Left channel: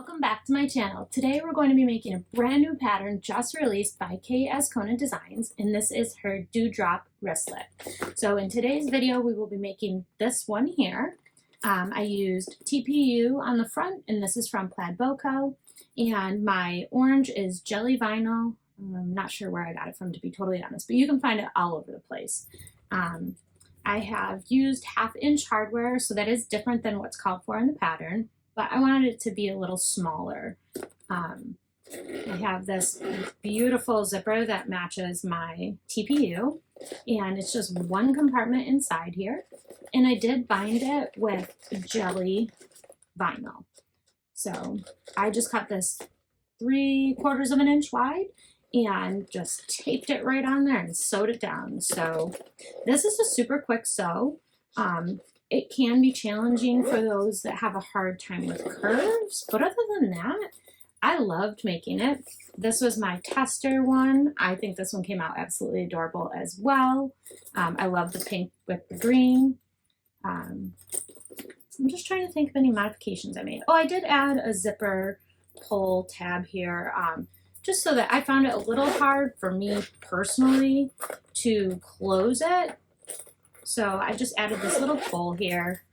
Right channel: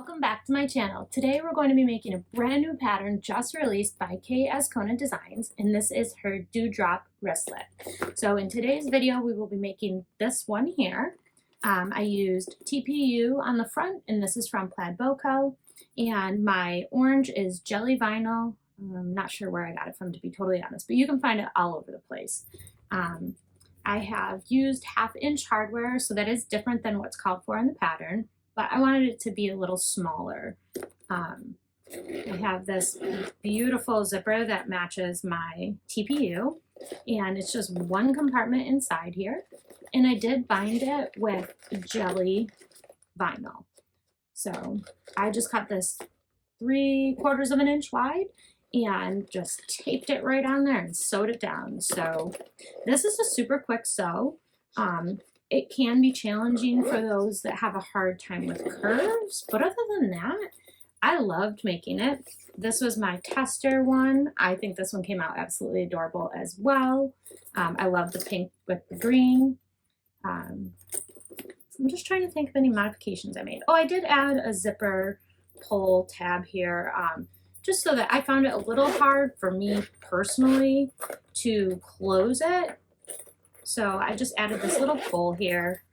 Welcome back to my channel. Today we're going to be making a brand new pattern just released by K.Azcona Designs, and this is her Dewdrop Wristlet. So in today's video we will be making this one here. I used TPU on the front, and this is from Plaid Boco, and my orange is jelly vinyl. I'm not sure where I got it from, to be totally honest, but you can find it all over the place. I have used 1/2 inch hardware, so that is different than what's called for in the pattern, but I wanted it to be a little smaller. I have this beautiful zipper that matches my TPU, and it's just one compartment inside here, and I did bind it with jelly vinyl. So I just cut this 3/4 of an inch wide and just taped it right on there and sewed it down. So this is a super quick sew. It can be challenging for those that have a hard time with curves, but other than that, I loved making it. This was my tester one. I think this one came out absolutely adorable as well. I love the pink with the green. I'm just trying to think of any modifications I made. Oh, I did add a zipper pull tab here, just so that I found it a little hard for me personally to close it. So I just added this little pull here,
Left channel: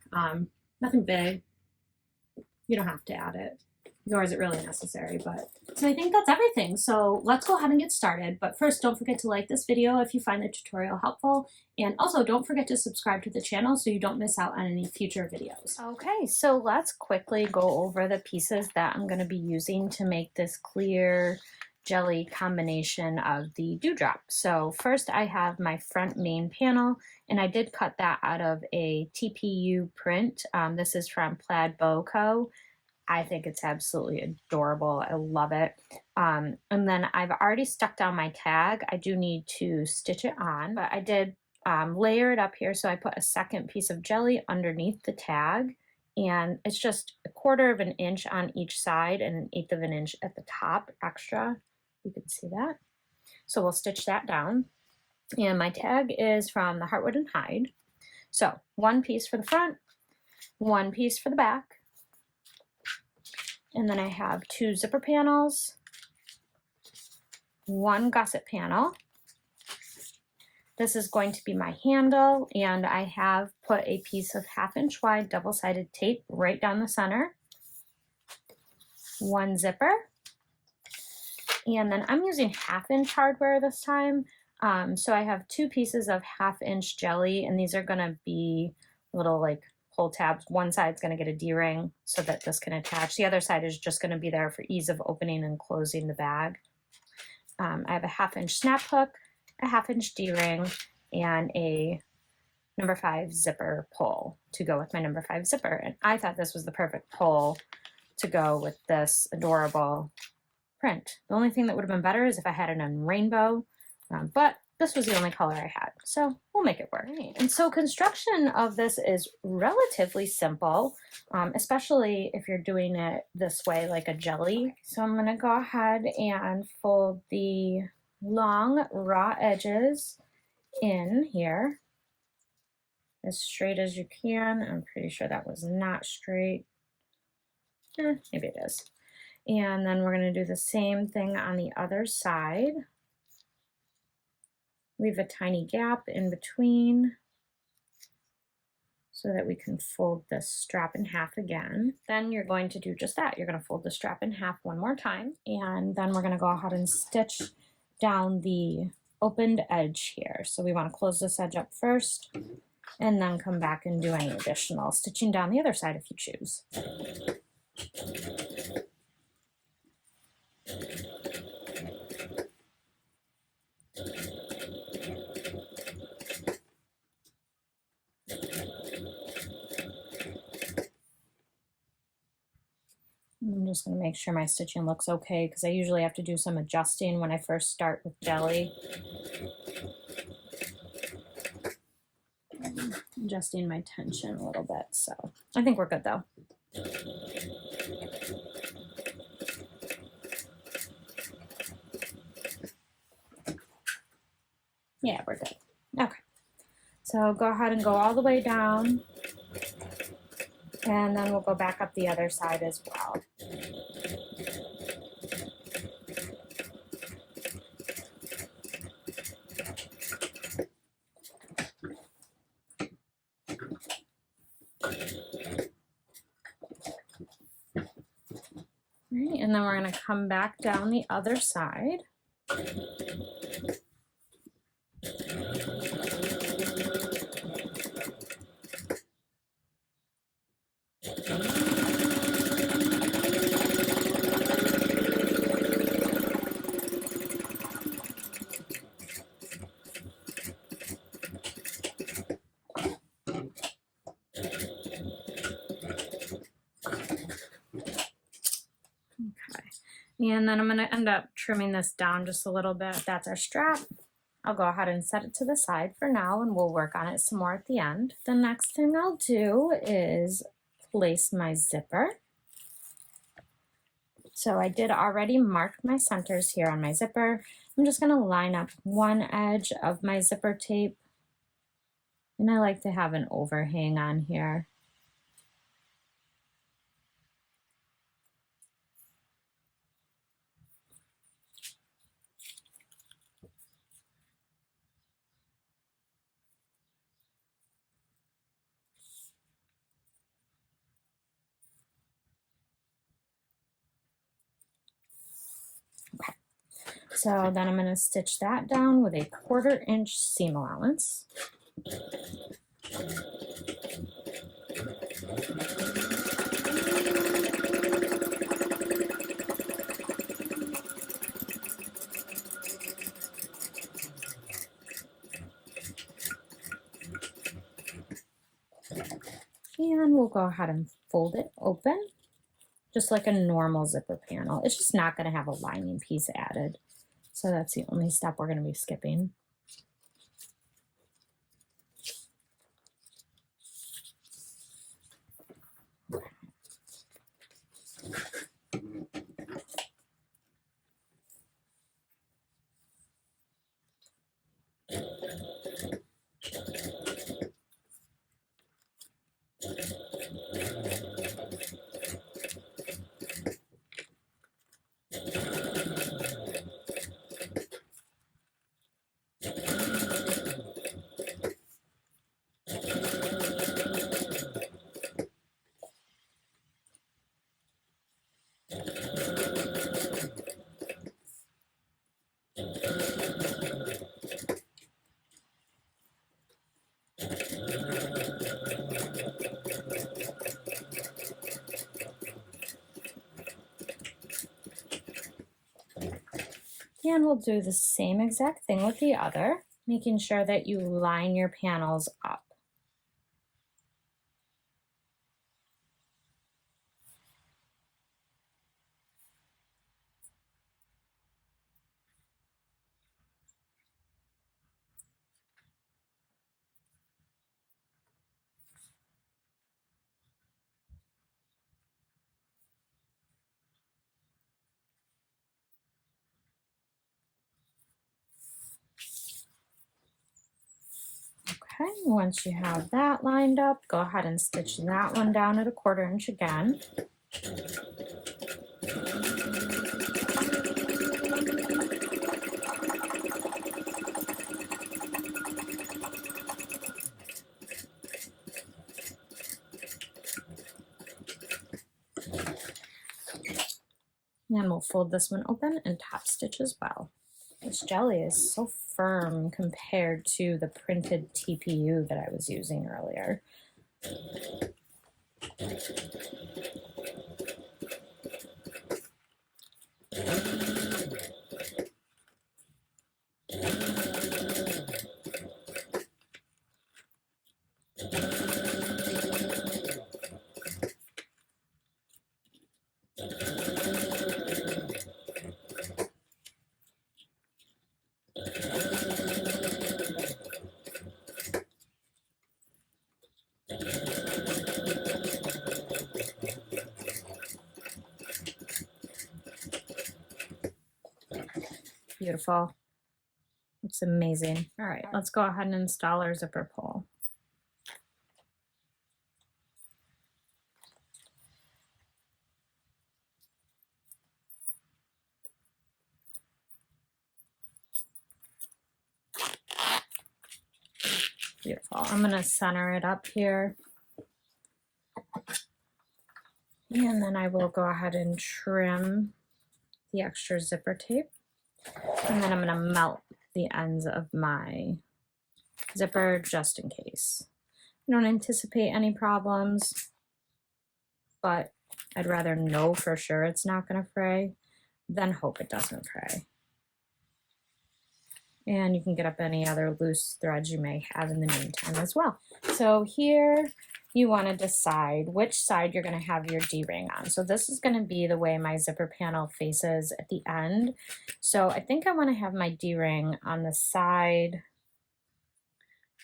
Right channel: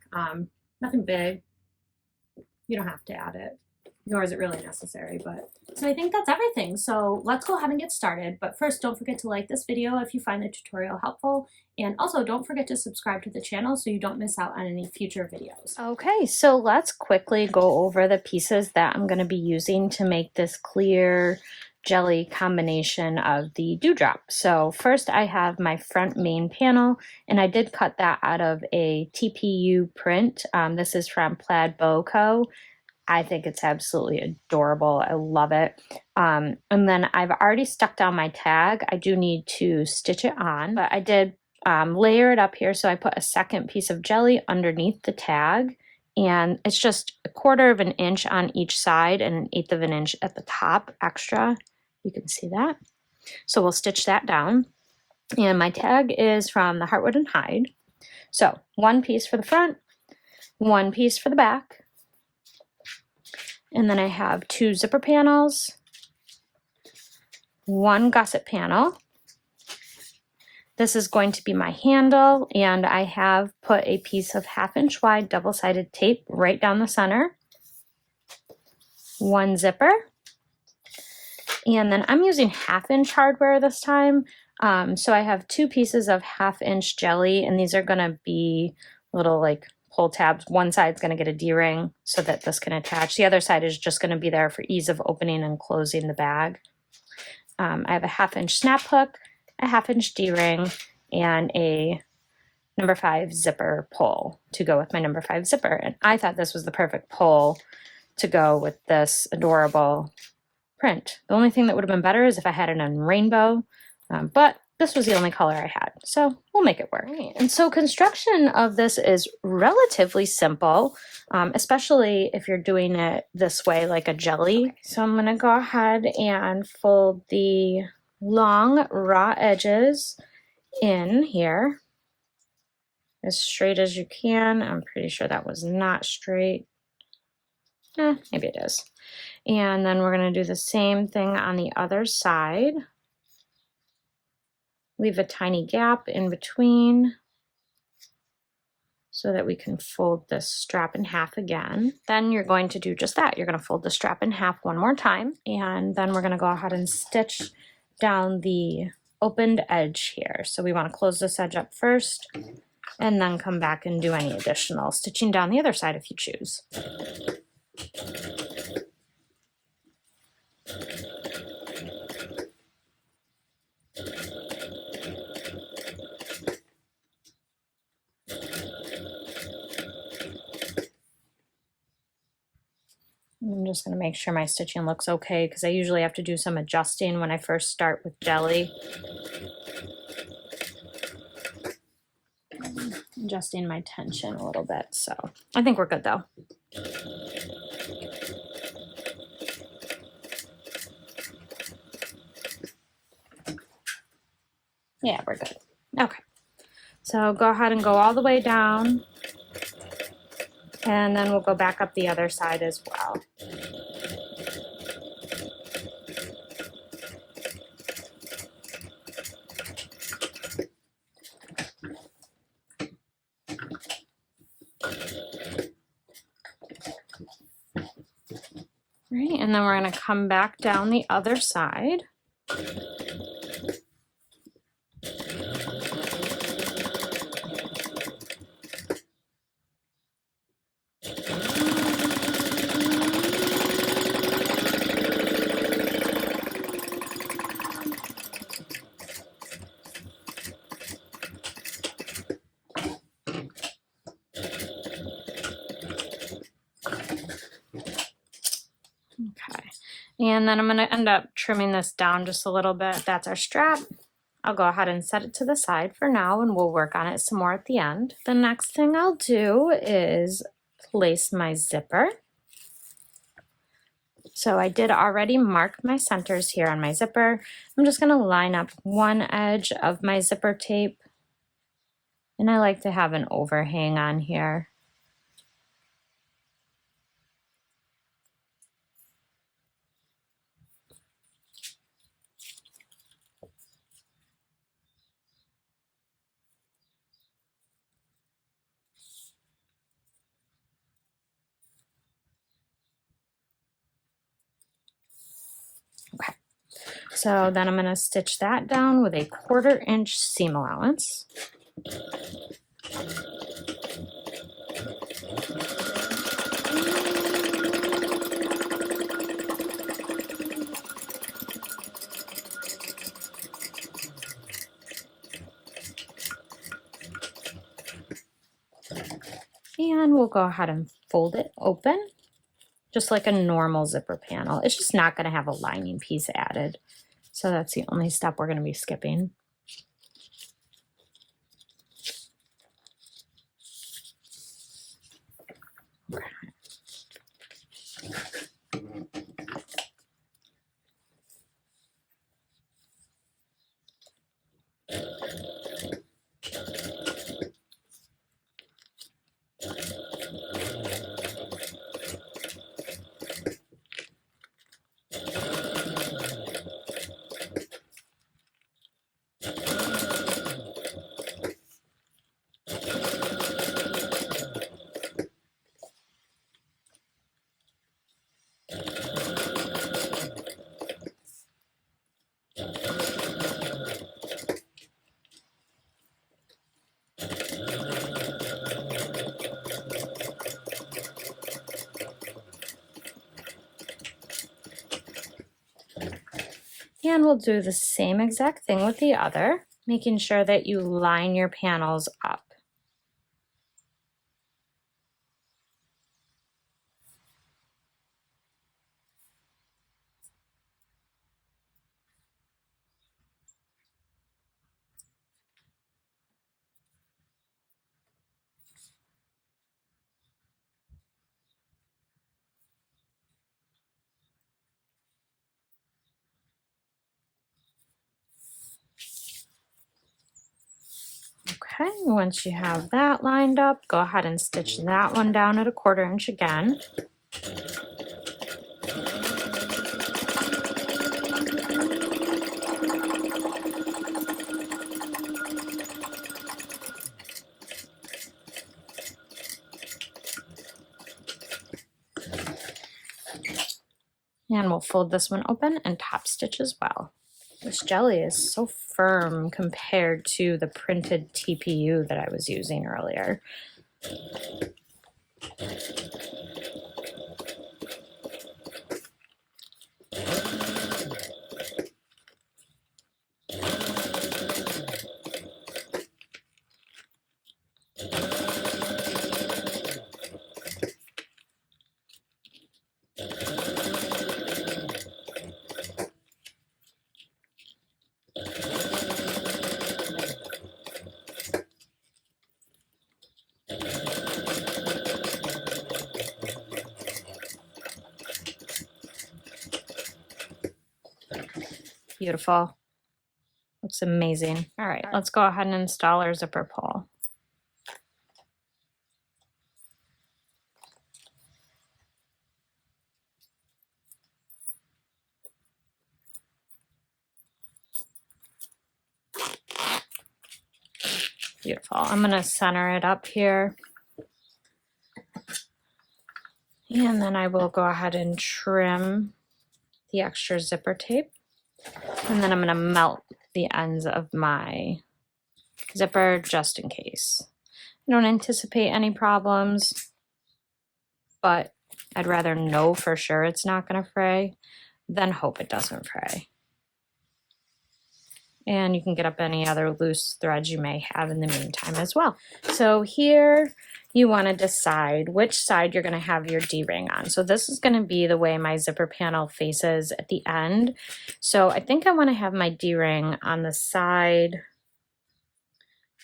nothing big. You don't have to add it, nor is it really necessary, but so I think that's everything. So let's go ahead and get started. But first, don't forget to like this video if you find the tutorial helpful. And also don't forget to subscribe to the channel so you don't miss out on any future videos. Okay, so let's quickly go over the pieces that I'm gonna be using to make this clear jelly combination of the dewdrop. So first I have my front main panel, and I did cut that out of a TPU print. This is from Plaid Boco. I think it's absolutely adorable. I love it. And then I've already stuck down my tag. I do need to stitch it on, but I did layer it up here. So I put a second piece of jelly underneath the tag, and it's just 1/4 of an inch on each side and 1/8 of an inch at the top extra. You can see that. So we'll stitch that down. And my tag is from the Heartwood and Hide. So one piece for the front, one piece for the back. And then I have 2 zipper panels, 1 gusset panel. This is going to be my handle, and I have put a piece of 1/2 inch wide double-sided tape right down the center. 1 zipper. And then I'm using 1/2 inch hardware this time. So I have 2 pieces of 1/2 inch jelly, and these are gonna be little like pull tabs. One side's gonna get a D-ring so that this can attach. The other side is just gonna be there for ease of opening and closing the bag. I have a 1/2 inch snap hook, a 1/2 inch D-ring, and a number 5 zipper pull to go with my number 5 zipper. And I thought this was the perfect pull to go with this adorable print. The only thing that would have been better is if I had it in rainbow, but this was the only color I had, so we'll make it work. Right. And so construction of this is relatively simple, especially if you're doing it this way like a jelly. So I'm gonna go ahead and fold the long raw edges in here as straight as you can. I'm pretty sure that was not straight. Maybe it is. And then we're going to do the same thing on the other side. Leave a tiny gap in between so that we can fold this strap in half again. Then you're going to do just that. You're going to fold the strap in half one more time, and then we're going to go ahead and stitch down the opened edge here. So we want to close this edge up first and then come back and do any additional stitching down the other side if you choose. I'm just going to make sure my stitching looks okay, because I usually have to do some adjusting when I first start with jelly. Adjusting my tension a little bit, so I think we're good though. Yeah, we're good. Okay, so go ahead and go all the way down, and then we'll go back up the other side as well. Right, and then we're going to come back down the other side. Okay, and then I'm going to end up trimming this down just a little bit. That's our strap. I'll go ahead and set it to the side for now, and we'll work on it some more at the end. The next thing I'll do is place my zipper. So I did already mark my centers here on my zipper. I'm just going to line up one edge of my zipper tape, and I like to have an overhang on here. Okay, so then I'm going to stitch that down with a 1/4 inch seam allowance. And we'll go ahead and fold it open, just like a normal zipper panel. It's just not going to have a lining piece added. So that's the only step we're going to be skipping. And we'll do the same exact thing with the other, making sure that you line your panels up. Okay, once you have that lined up, go ahead and stitch that one down at a 1/4 inch again. And we'll fold this one open and top stitch as well. This jelly is so firm compared to the printed TPU that I was using earlier. Beautiful. Looks amazing. All right, let's go ahead and install our zipper pull. Beautiful. I'm going to center it up here. And then I will go ahead and trim the extra zipper tape. And then I'm going to melt the ends of my zipper just in case. I don't anticipate any problems, but I'd rather know for sure it's not going to fray than hope it doesn't fray. And you can get up any other loose threads you may have in the meantime as well. So here you want to decide which side you're going to have your D-ring on. So this is going to be the way my zipper panel faces at the end. So I think I want to have my D-ring on the side,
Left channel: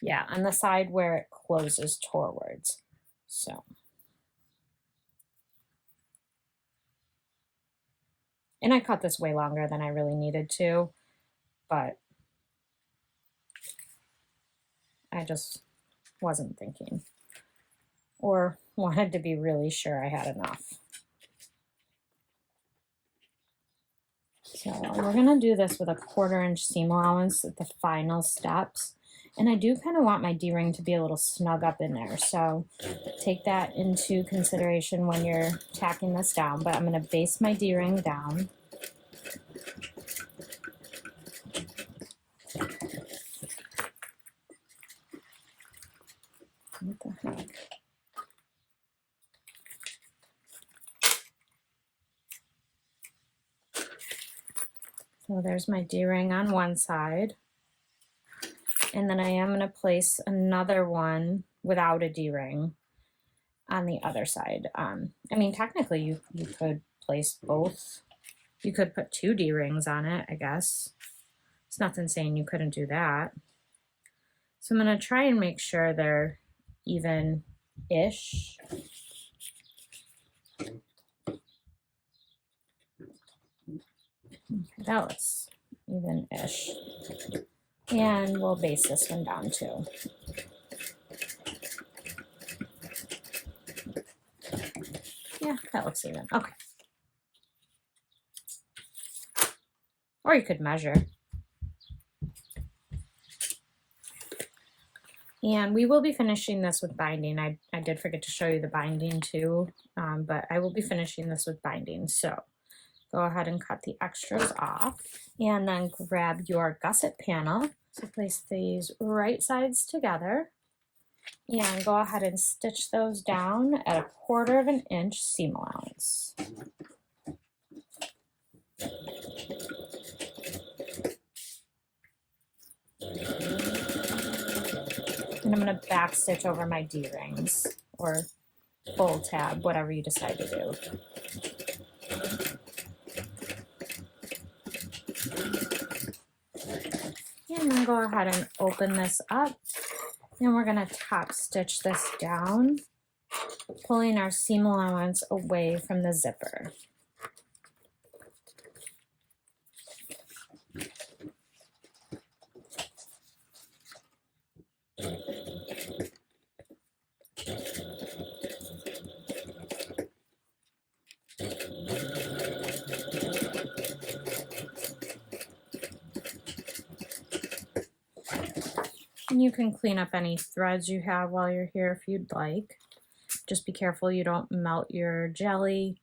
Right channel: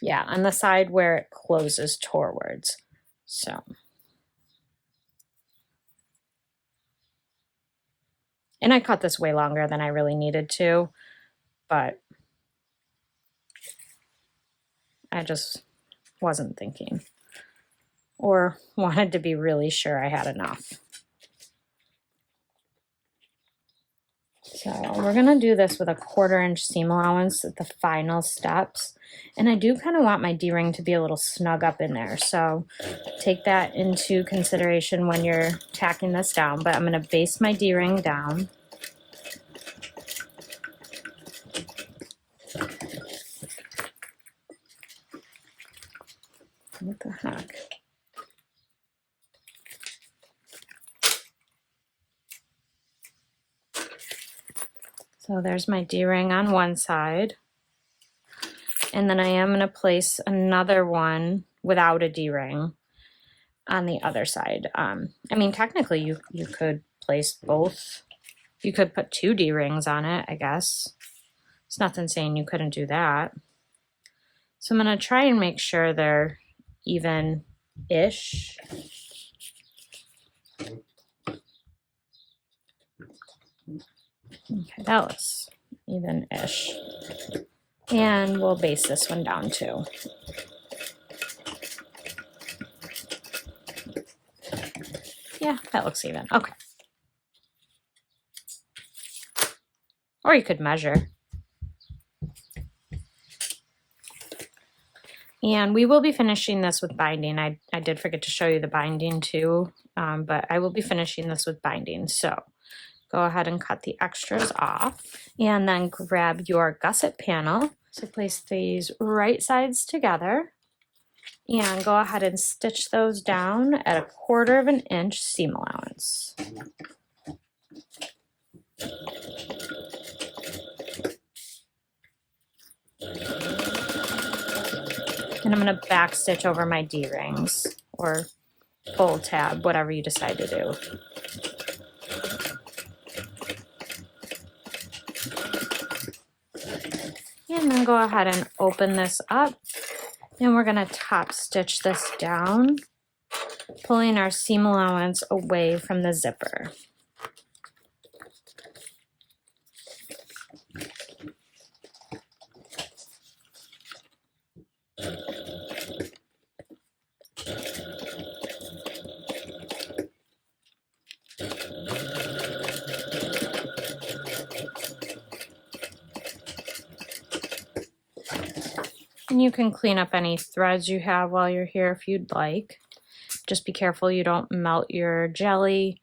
yeah, on the side where it closes towards. So, and I cut this way longer than I really needed to, but I just wasn't thinking or wanted to be really sure I had enough. So we're gonna do this with a 1/4 inch seam allowance at the final steps. And I do kind of want my D-ring to be a little snug up in there. So take that into consideration when you're tacking this down, but I'm gonna base my D-ring down. What the heck? So there's my D-ring on one side. And then I am going to place another one without a D-ring on the other side. I mean, technically you could place both. You could put 2 D-rings on it, I guess. It's nothing saying you couldn't do that. So I'm going to try and make sure they're even-ish. Okay, that looks even-ish. And we'll base this one down too. Yeah, that looks even. Okay. Or you could measure. And we will be finishing this with binding. I did forget to show you the binding too, but I will be finishing this with binding. So go ahead and cut the extras off and then grab your gusset panel. So place these right sides together and go ahead and stitch those down at a 1/4 inch seam allowance. And I'm going to back stitch over my D-rings or full tab, whatever you decide to do. And then go ahead and open this up. And we're going to top stitch this down, pulling our seam allowance away from the zipper. And you can clean up any threads you have while you're here if you'd like. Just be careful you don't melt your jelly.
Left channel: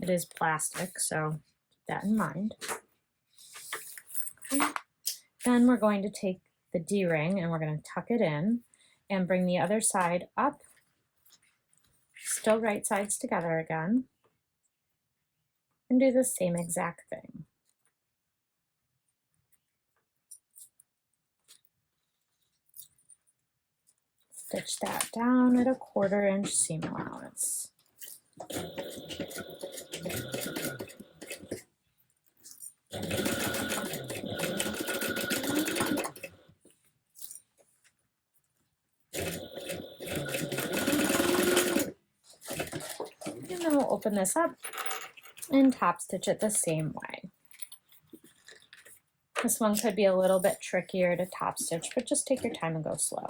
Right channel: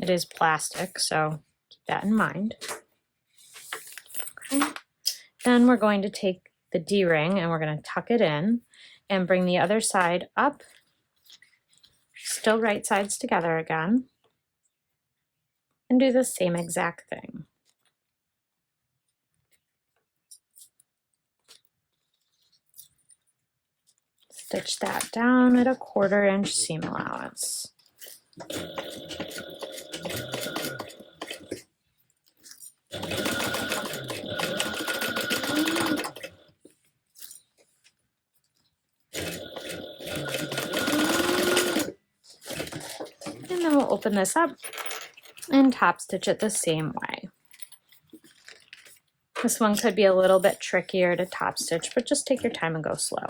It is plastic, so keep that in mind. Okay. Then we're going to take the D-ring and we're going to tuck it in and bring the other side up. Still right sides together again. And do the same exact thing. Stitch that down at a 1/4 inch seam allowance. And then we'll open this up and top stitch it the same way. This one could be a little bit trickier to top stitch, but just take your time and go slow.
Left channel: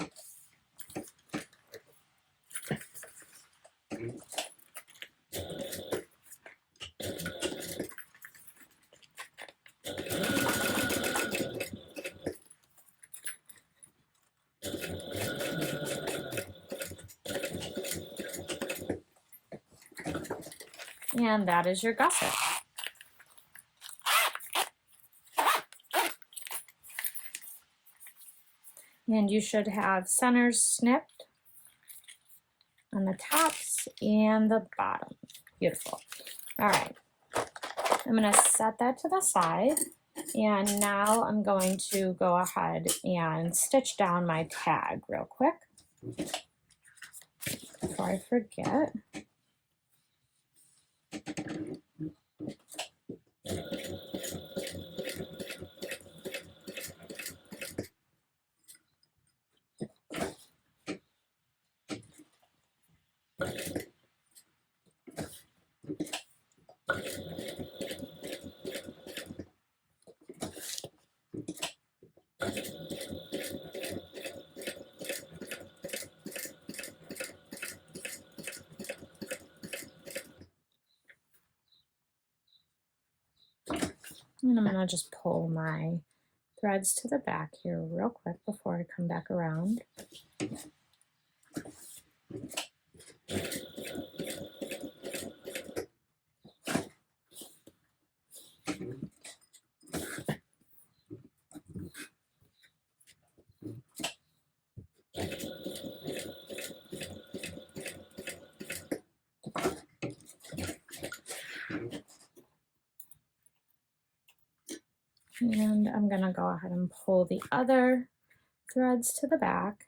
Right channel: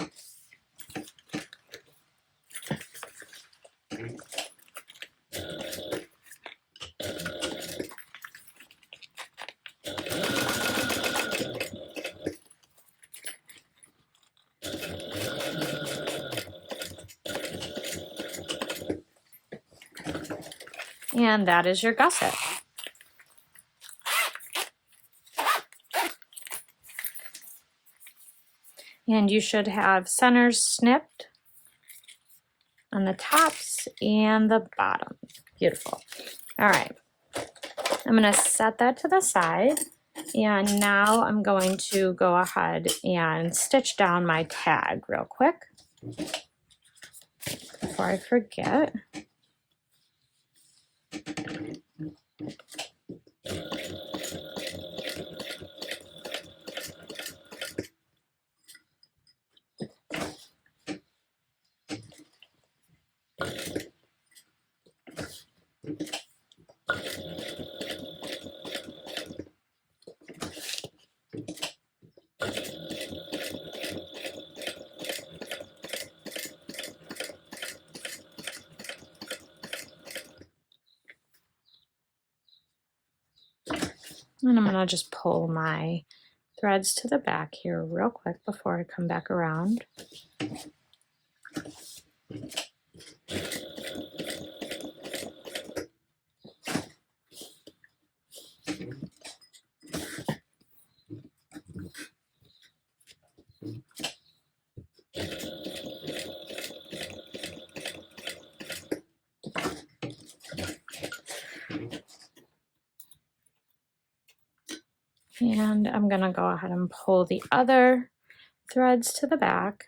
And that is your gusset. And you should have centers snipped on the tops and the bottom. Beautiful. All right, I'm gonna set that to the side, and now I'm going to go ahead and stitch down my tag real quick before I forget. And I'm gonna just pull my threads to the back here real quick before I come back around. And I'm gonna go ahead and pull the other threads to the back.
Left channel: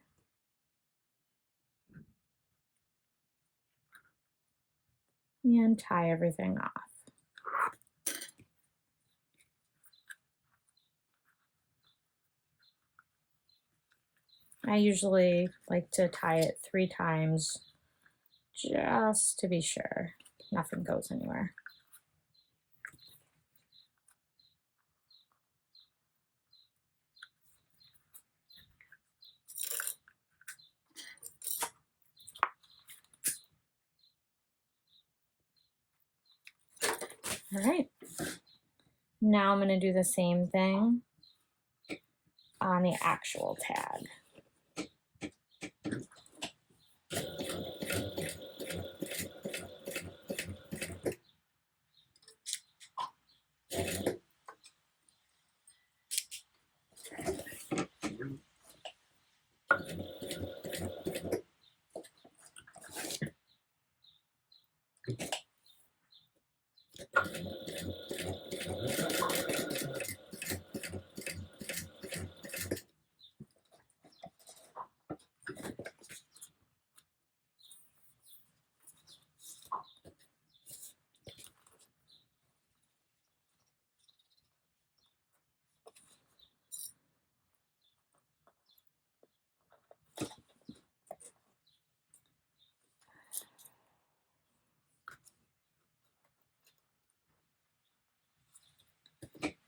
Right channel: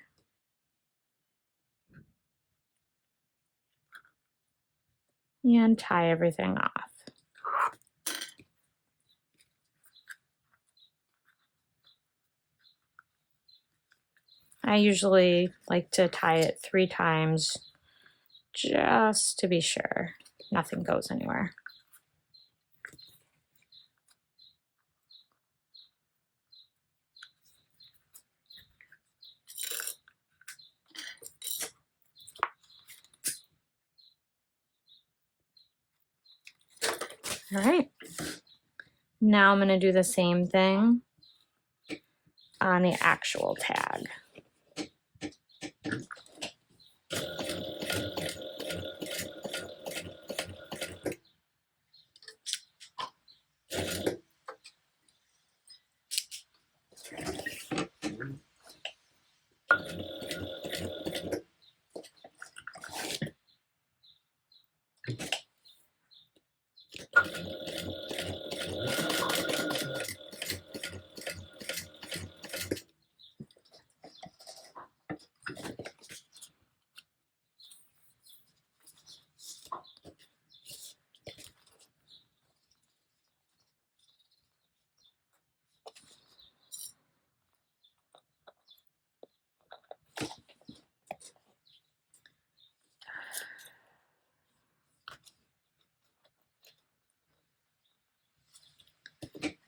And tie everything off. I usually like to tie it 3 times just to be sure nothing goes anywhere. All right, now I'm going to do the same thing on the actual tag.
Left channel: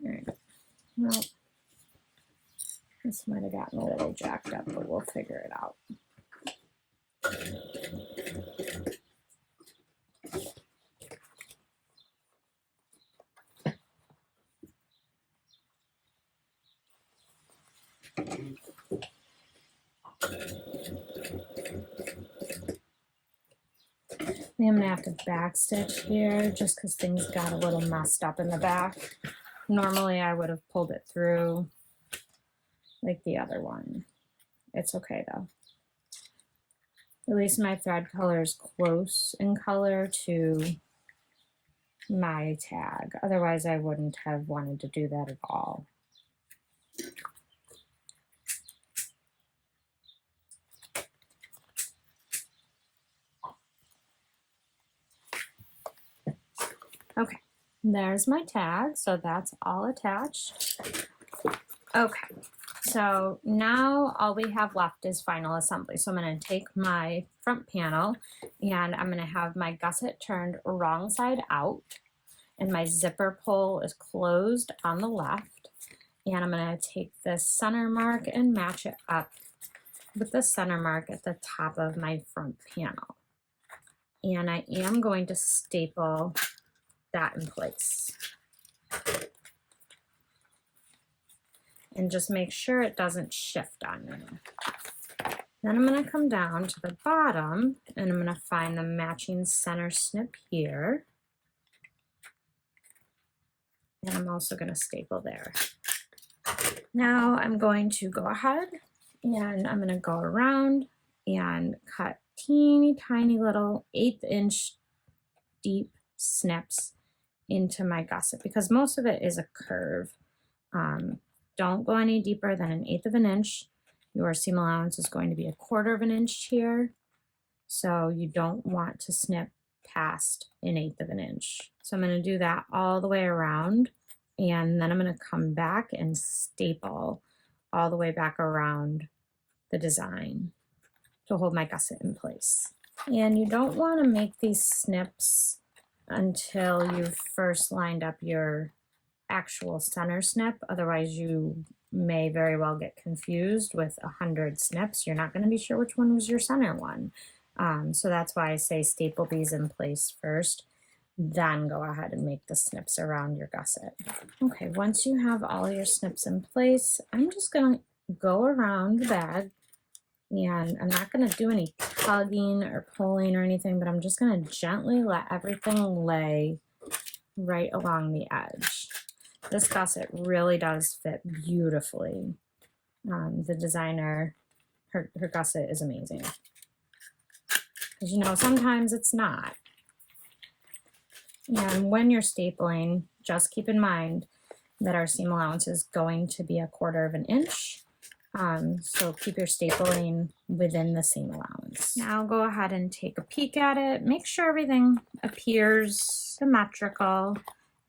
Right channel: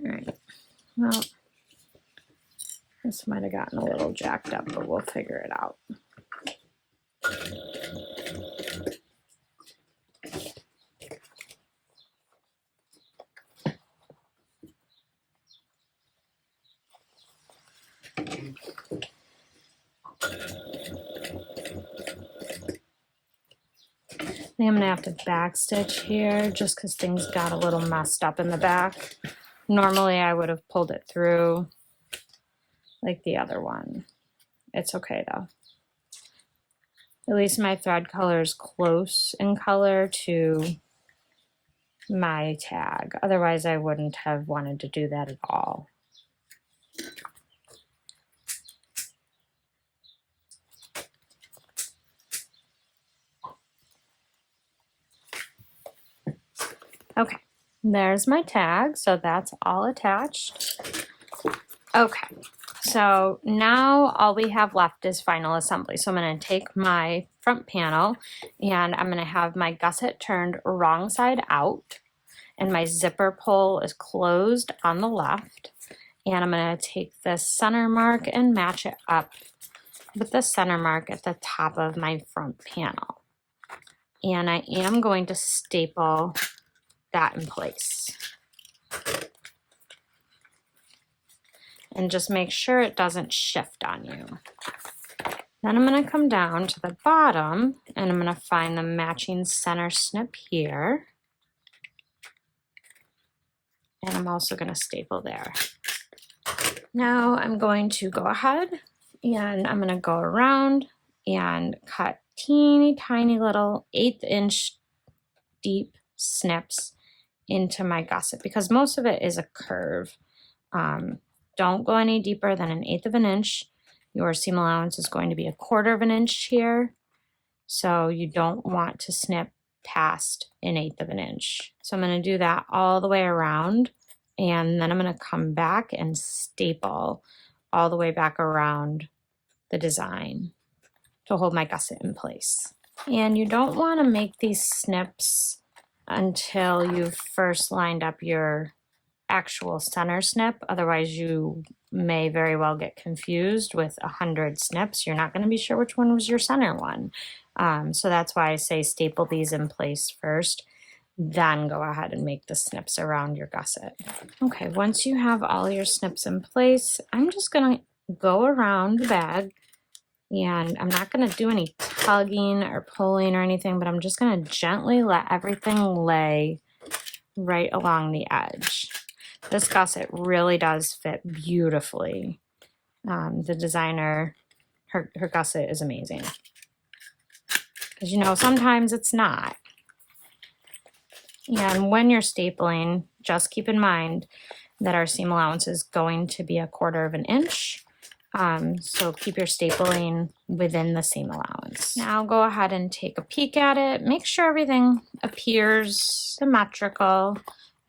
All right, well, this might have gotten a little jacked up, but we'll figure it out. I think I'm gonna have to backstitch here just because things got a little messed up in the back. Normally I would have pulled it through like the other one. It's okay though. At least my thread color is close in color to my tag. Otherwise I wouldn't have wanted to do that at all. Okay, there's my tag, so that's all attached. Okay, so now all we have left is final assembly. So I'm going to take my front panel and I'm going to have my gusset turned wrong side out, and my zipper pull is closed on the left. And I'm going to take this center mark and match it up with the center mark at the top of my front panel. And I am going to staple that in place. And just make sure it doesn't shift on you. Then I'm going to come down to the bottom and I'm going to find the matching center snip here. and I'm also going to staple there. Now I'm going to go ahead and I'm going to go around and cut teeny tiny little 1/8 inch deep snips into my gusset because most of it is a curve. Don't go any deeper than 1/8 of an inch. Your seam allowance is going to be 1/4 of an inch here, so you don't want to snip past 1/8 of an inch. So I'm going to do that all the way around, and then I'm going to come back and staple all the way back around the design to hold my gusset in place. And you don't want to make these snips until you've first lined up your actual center snip. Otherwise you may very well get confused with 100 snips. You're not going to be sure which one was your center one. So that's why I say staple these in place first, then go ahead and make the snips around your gusset. Okay, once you have all your snips in place, I'm just going to go around the bag, and I'm not going to do any tugging or pulling or anything, but I'm just going to gently let everything lay right along the edge. This gusset really does fit beautifully. The designer, her gusset is amazing. Because you know, sometimes it's not. And when you're stapling, just keep in mind that our seam allowance is going to be 1/4 of an inch. So keep your stapling within the seam allowance. Now go ahead and take a peek at it. Make sure everything appears symmetrical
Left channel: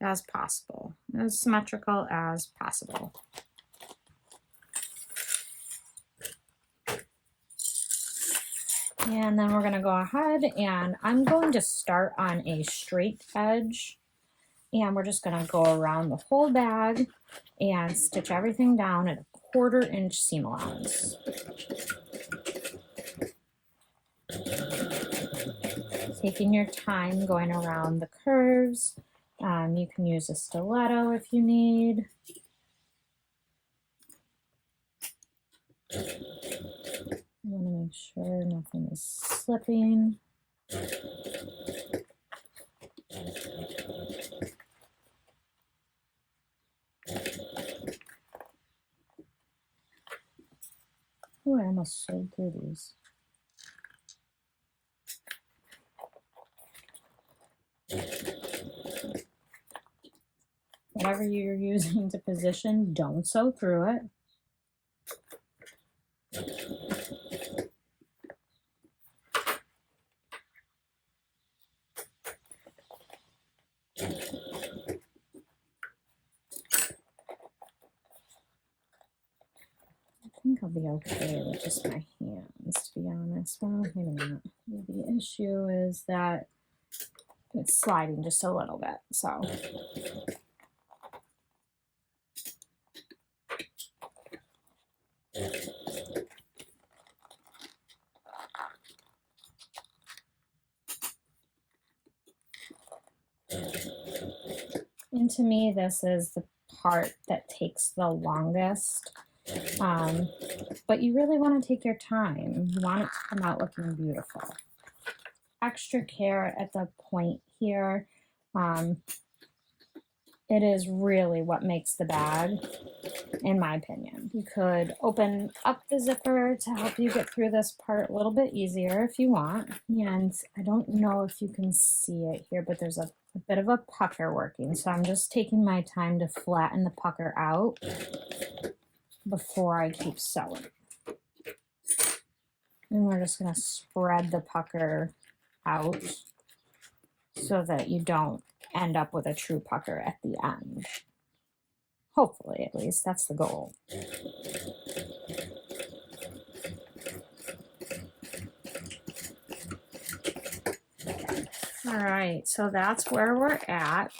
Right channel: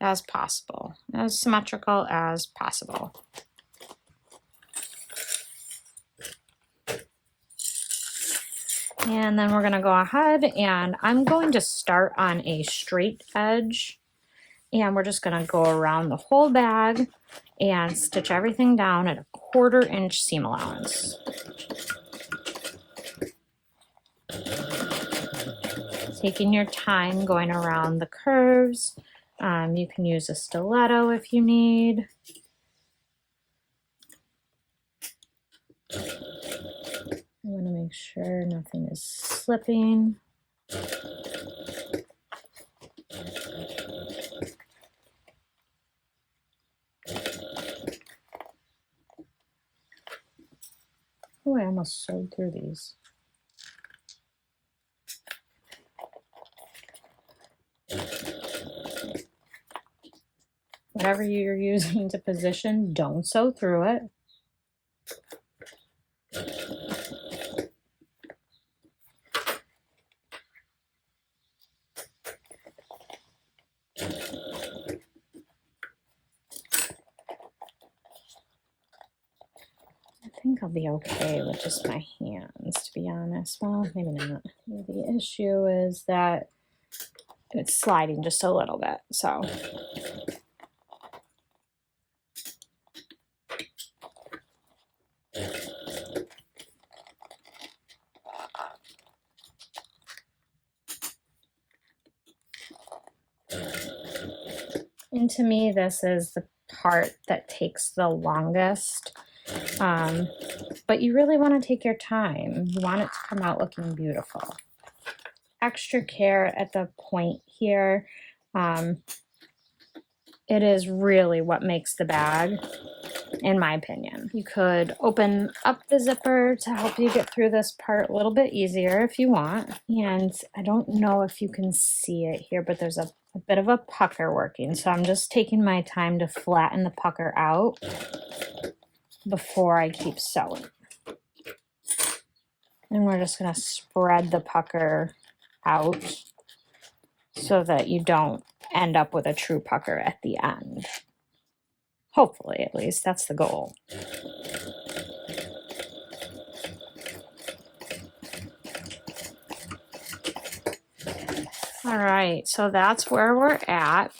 as possible. As symmetrical as possible. And then we're going to go ahead and I'm going to start on a straight edge. And we're just going to go around the whole bag and stitch everything down at 1/4 inch seam allowance. Taking your time going around the curves. You can use a stiletto if you need. I want to make sure nothing is slipping. Oh, I almost sewed through these. Whatever you're using to position, don't sew through it. I think I'll be okay with just my hands, to be honest. Well, maybe not. The issue is that it's sliding just a little bit, so. And to me, this is the part that takes the longest. But you really want to take your time. You want it to come out looking beautiful. Extra care at the point here. It is really what makes the bag, in my opinion. You could open up the zipper to help you get through this part a little bit easier if you want. And I don't know if you can see it here, but there's a bit of a pucker working. So I'm just taking my time to flatten the pucker out before I keep sewing. And we're just going to spread the pucker out so that you don't end up with a true pucker at the end. Hopefully, at least, that's the goal. All right, so that's where we're at.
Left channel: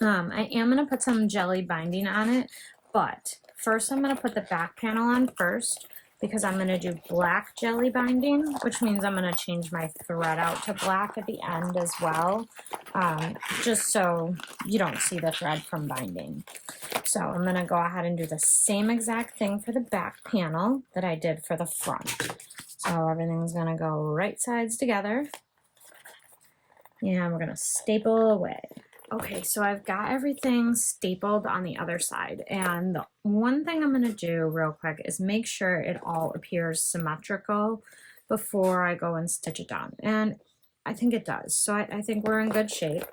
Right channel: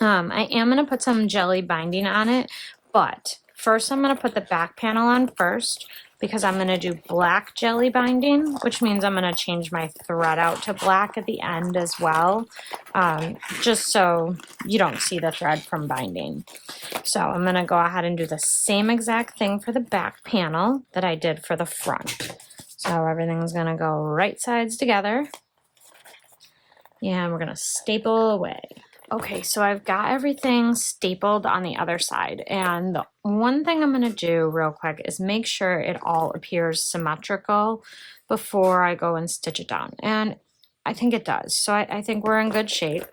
I am going to put some jelly binding on it, but first I'm going to put the back panel on first because I'm going to do black jelly binding, which means I'm going to change my thread out to black at the end as well, just so you don't see the thread from binding. So I'm going to go ahead and do the same exact thing for the back panel that I did for the front. So everything's going to go right sides together. And we're going to staple away. Okay, so I've got everything stapled on the other side, and the one thing I'm going to do real quick is make sure it all appears symmetrical before I go and stitch it down, and I think it does. So I think we're in good shape.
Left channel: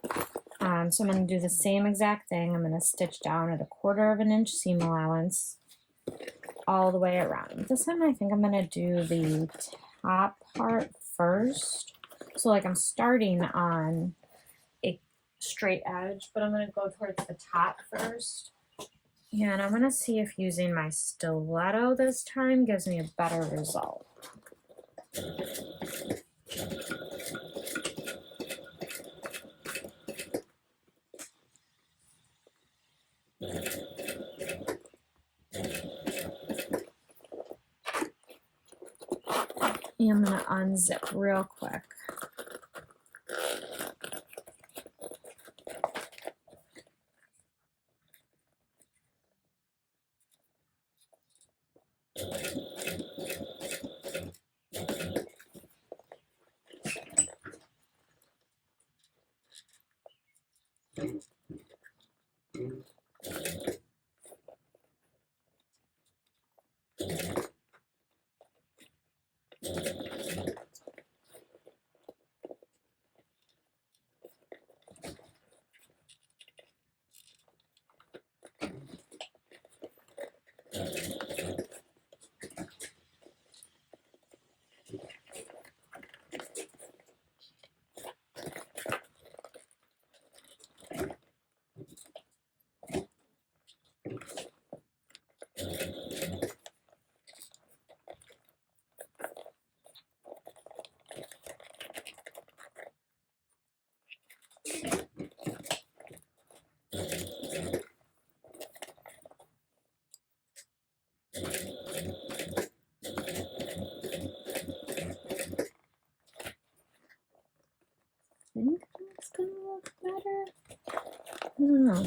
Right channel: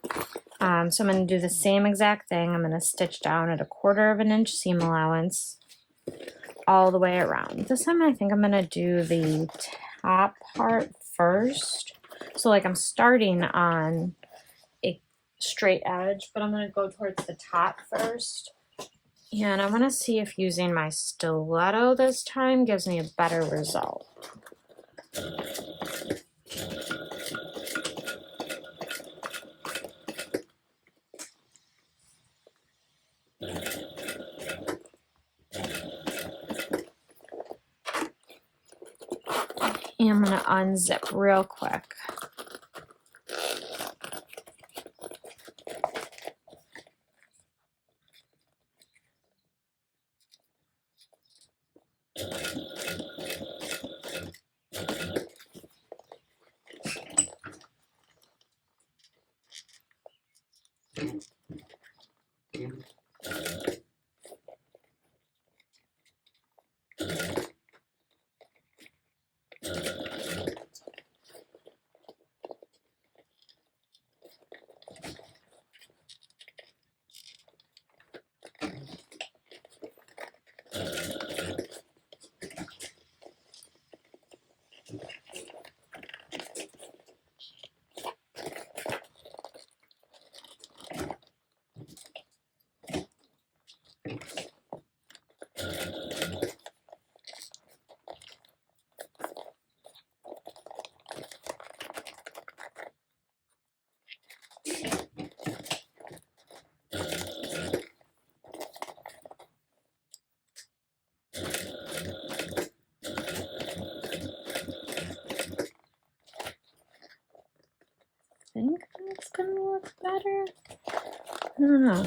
So I'm going to do the same exact thing. I'm going to stitch down at 1/4 of an inch seam allowance all the way around. This time I think I'm going to do the top part first. So like I'm starting on a straight edge, but I'm going to go towards the top first. And I'm going to see if using my stiletto this time gives me a better result. And I'm going to unzip real quick. I think that's gonna look better. I don't know.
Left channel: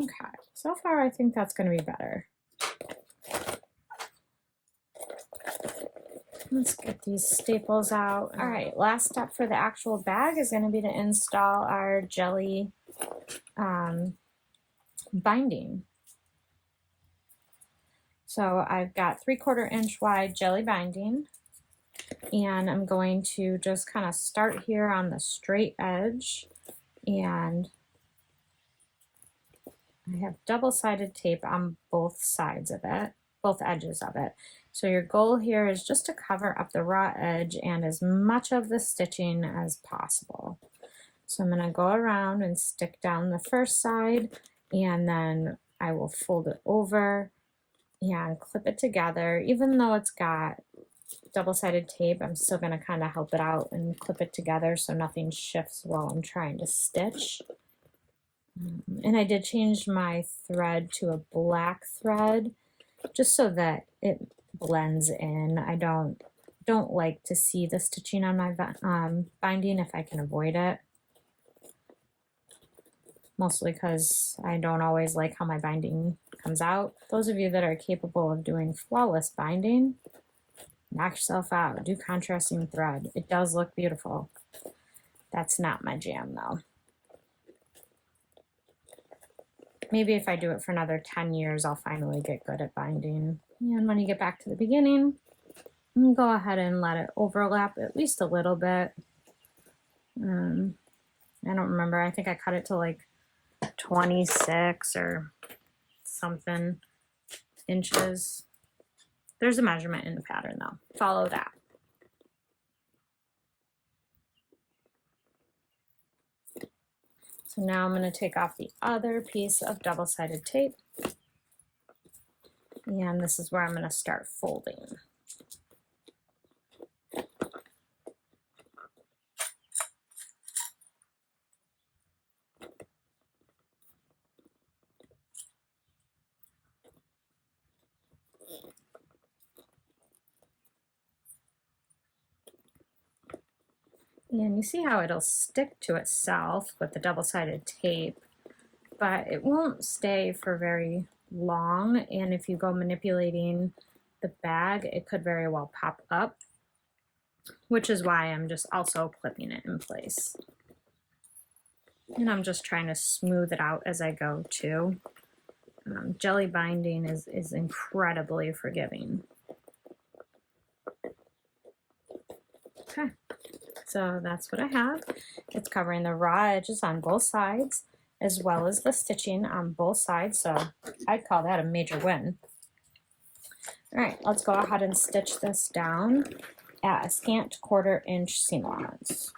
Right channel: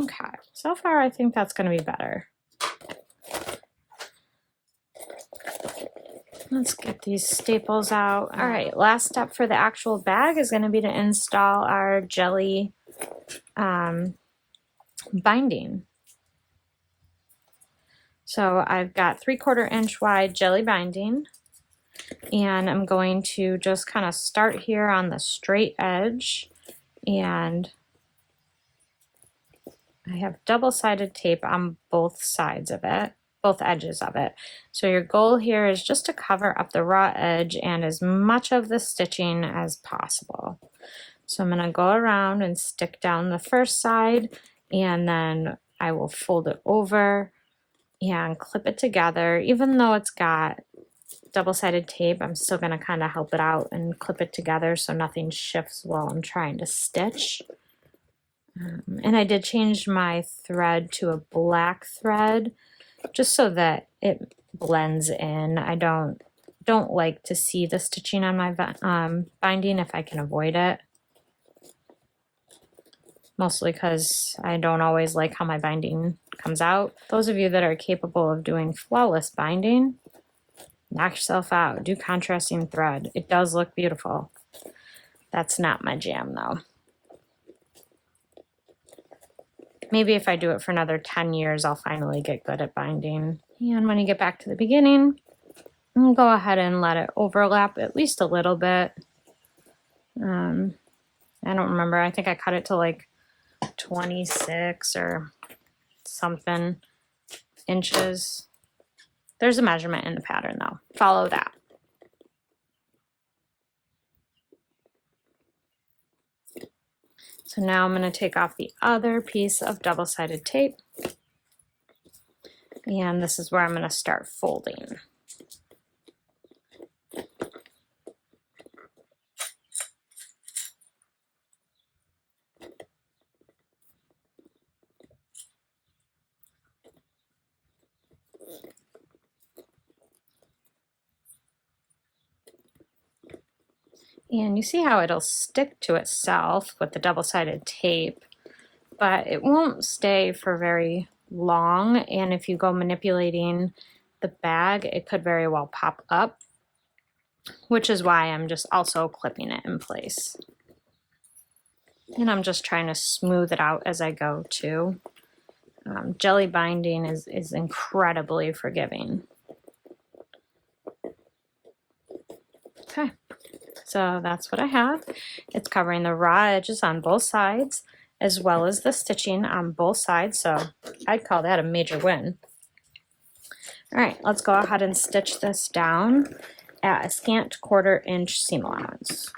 Okay, so far I think that's going to be better. Let's get these staples out. All right, last step for the actual bag is going to be to install our jelly binding. So I've got 3/4 inch wide jelly binding, and I'm going to just kind of start here on the straight edge, and I have double-sided tape on both sides of it, both edges of it. So your goal here is just to cover up the raw edge and as much of the stitching as possible. So I'm going to go around and stick down the first side, and then I will fold it over and clip it together. Even though it's got double-sided tape, I'm still going to kind of help it out and clip it together so nothing shifts while I'm trying to stitch. And I did change my thread to a black thread just so that it blends in. I don't like to see the stitching on my binding if I can avoid it. Mostly because I don't always like how my binding comes out. Those of you that are capable of doing flawless binding, knock yourself out. Do contrasting thread. It does look beautiful. That's not my jam though. Maybe if I do it for another 10 years, I'll finally get good at binding. And when you get back to the beginning, I'll go ahead and let it overlap at least a little bit. I don't remember. I think I cut it to like 26 or something inches. There's a measurement in the pattern though. Follow that. So now I'm going to take off the other piece of double-sided tape, and this is where I'm going to start folding. And you see how it'll stick to itself with the double-sided tape, but it won't stay for very long. And if you go manipulating the bag, it could very well pop up, which is why I'm just also clipping it in place. And I'm just trying to smooth it out as I go too. Jelly binding is incredibly forgiving. Okay. So that's what I have. It's covering the raw edges on both sides as well as the stitching on both sides. So I'd call that a major win. All right, let's go ahead and stitch this down at a scant 1/4 inch seam allowance.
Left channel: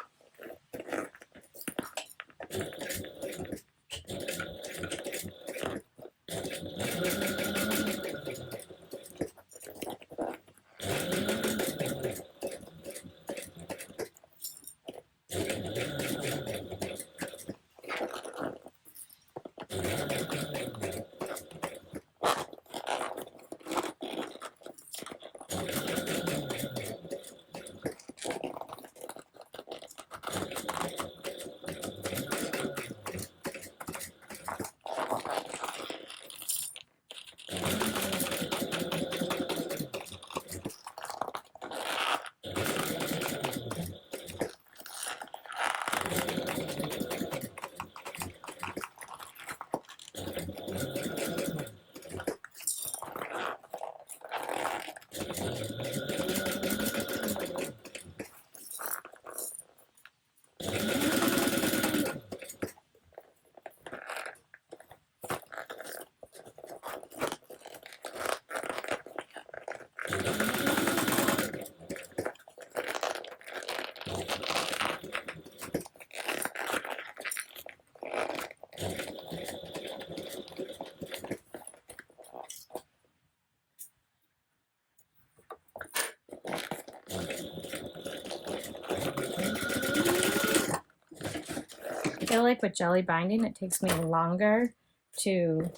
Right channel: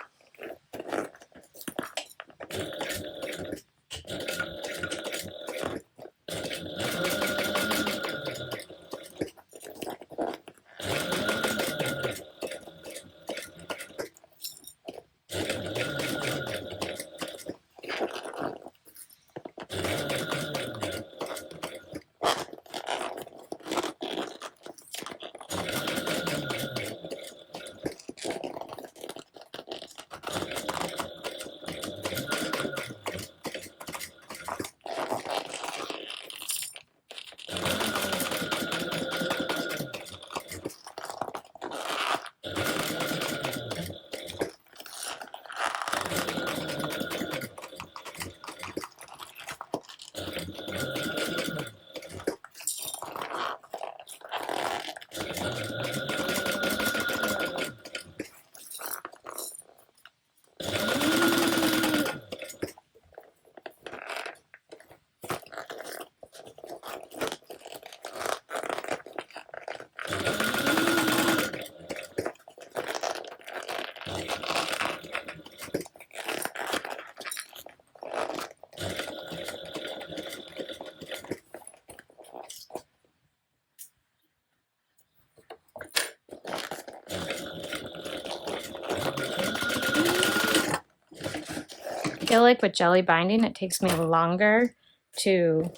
I feel like with jelly binding, it takes me longer to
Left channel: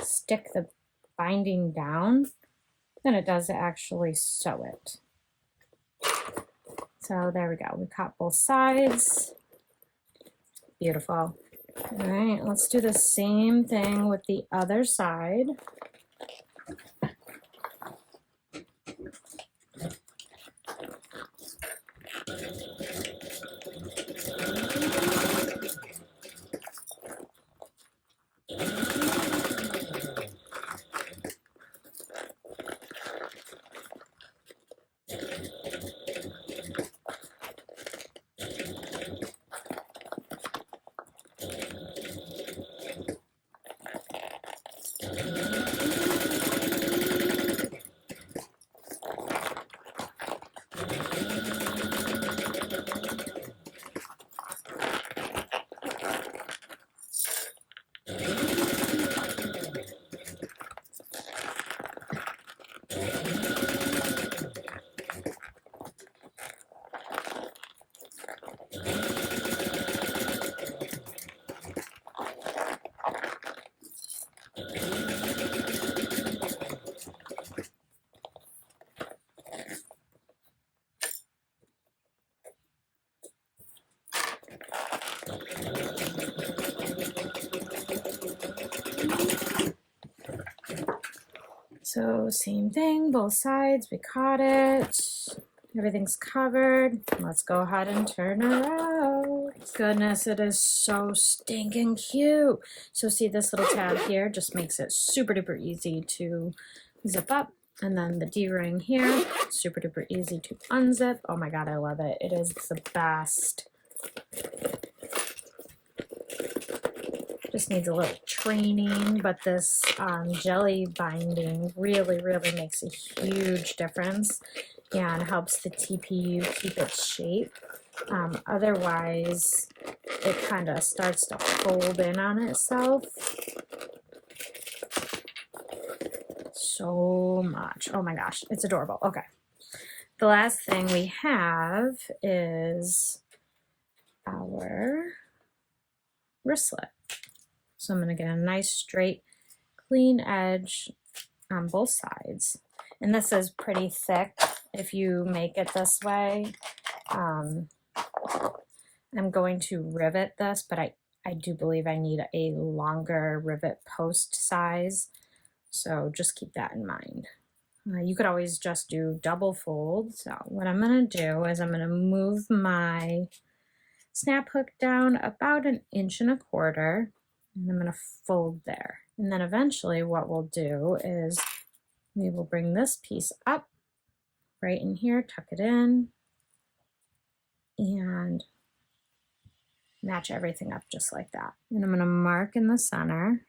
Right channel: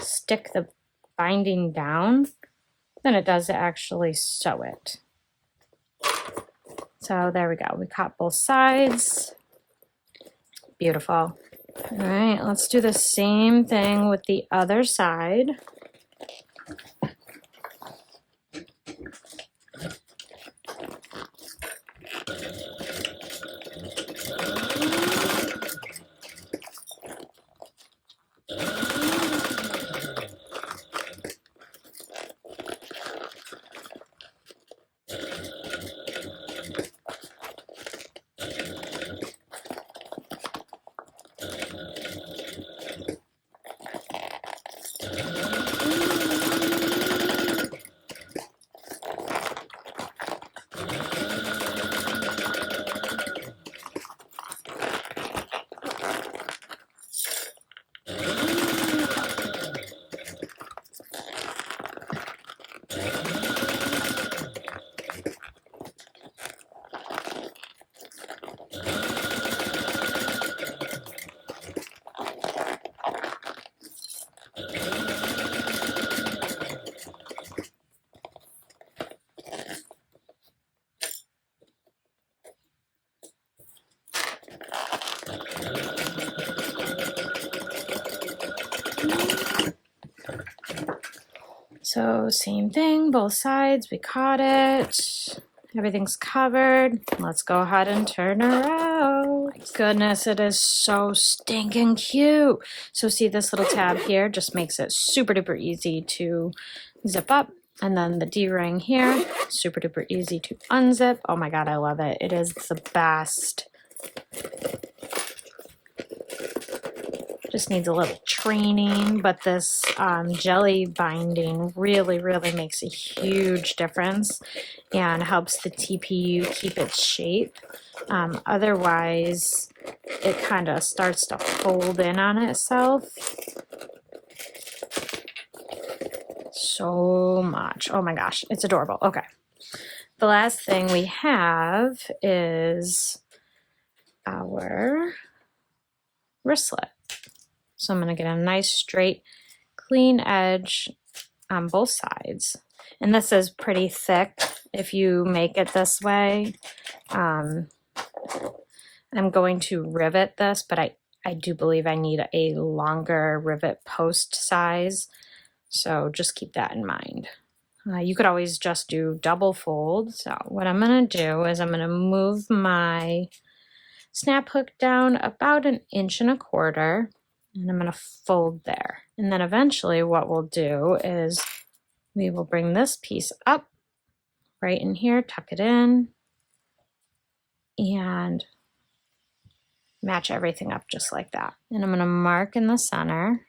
stick the binding down than it does to actually sew it. So there we go. We cut both sides. Beautiful. All right, let's do the same thing with the other side. So same thing, both sides, we caught it. Everything's covered. Let's go ahead and turn her out. Goodness, it is so stinking cute. So see this little tab here just makes it super duper easy to zip up. And then the D-ring here, super duper easy to unzip. Oh my God, I love it. It is the best. Just needs a little training, but this jelly binding really makes a huge difference and helps the TPU keep its shape. Otherwise, it kind of starts to fold in on itself. So much. Oh my gosh, it's adorable. Okay. The last thing we have is our wristlet. So I'm going to get a nice straight, clean edge on both sides. And this is pretty thick if you make it this way. I'm going to rivet this, but I do believe I need a longer rivet post size. So just keep that in mind. You could always just do double fold. So what I'm going to do is I'm going to move my snap hook down about 1.25 inches. And I'm going to fold there. And then eventually what we'll do is we will bring this piece up right in here, tuck it in, and match everything up just like that. And I'm going to mark in the center.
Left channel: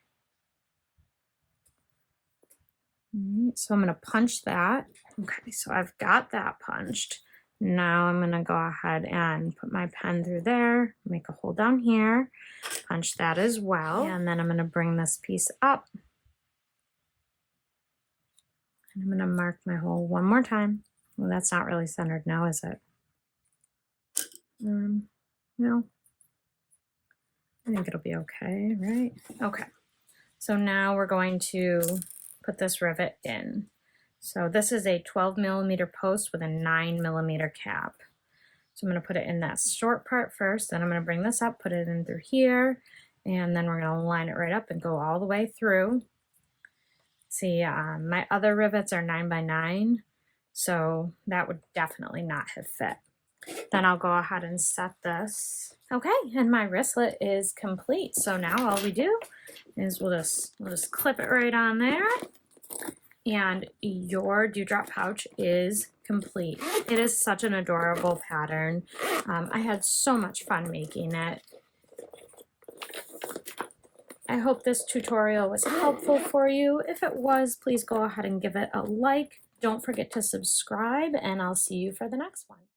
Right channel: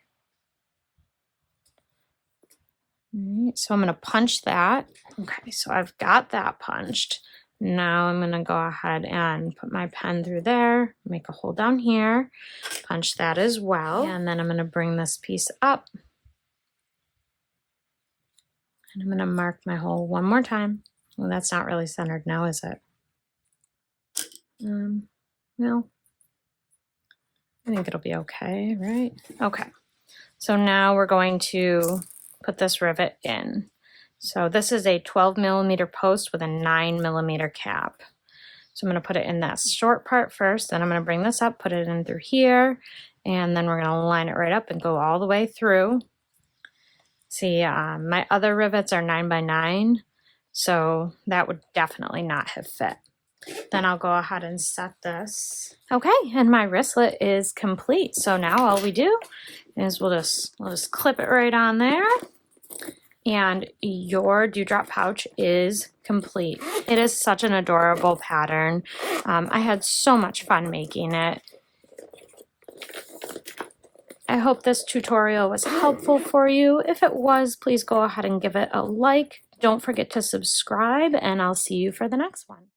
All right, so I'm going to punch that. Okay, so I've got that punched. Now I'm going to go ahead and put my pen through there, make a hole down here, punch that as well, and then I'm going to bring this piece up. And I'm going to mark my hole one more time. Well, that's not really centered now, is it? No. I think it'll be okay, right? Okay. So now we're going to put this rivet in. So this is a 12mm post with a 9mm cap. So I'm going to put it in that short part first, then I'm going to bring this up, put it in through here, and then we're going to line it right up and go all the way through. See, my other rivets are 9x9, so that would definitely not have fit. Then I'll go ahead and set this. Okay, and my wristlet is complete. So now all we do is we'll just clip it right on there. And your dewdrop pouch is complete. It is such an adorable pattern. I had so much fun making it. I hope this tutorial was helpful for you. If it was, please go ahead and give it a like. Don't forget to subscribe, and I'll see you for the next one.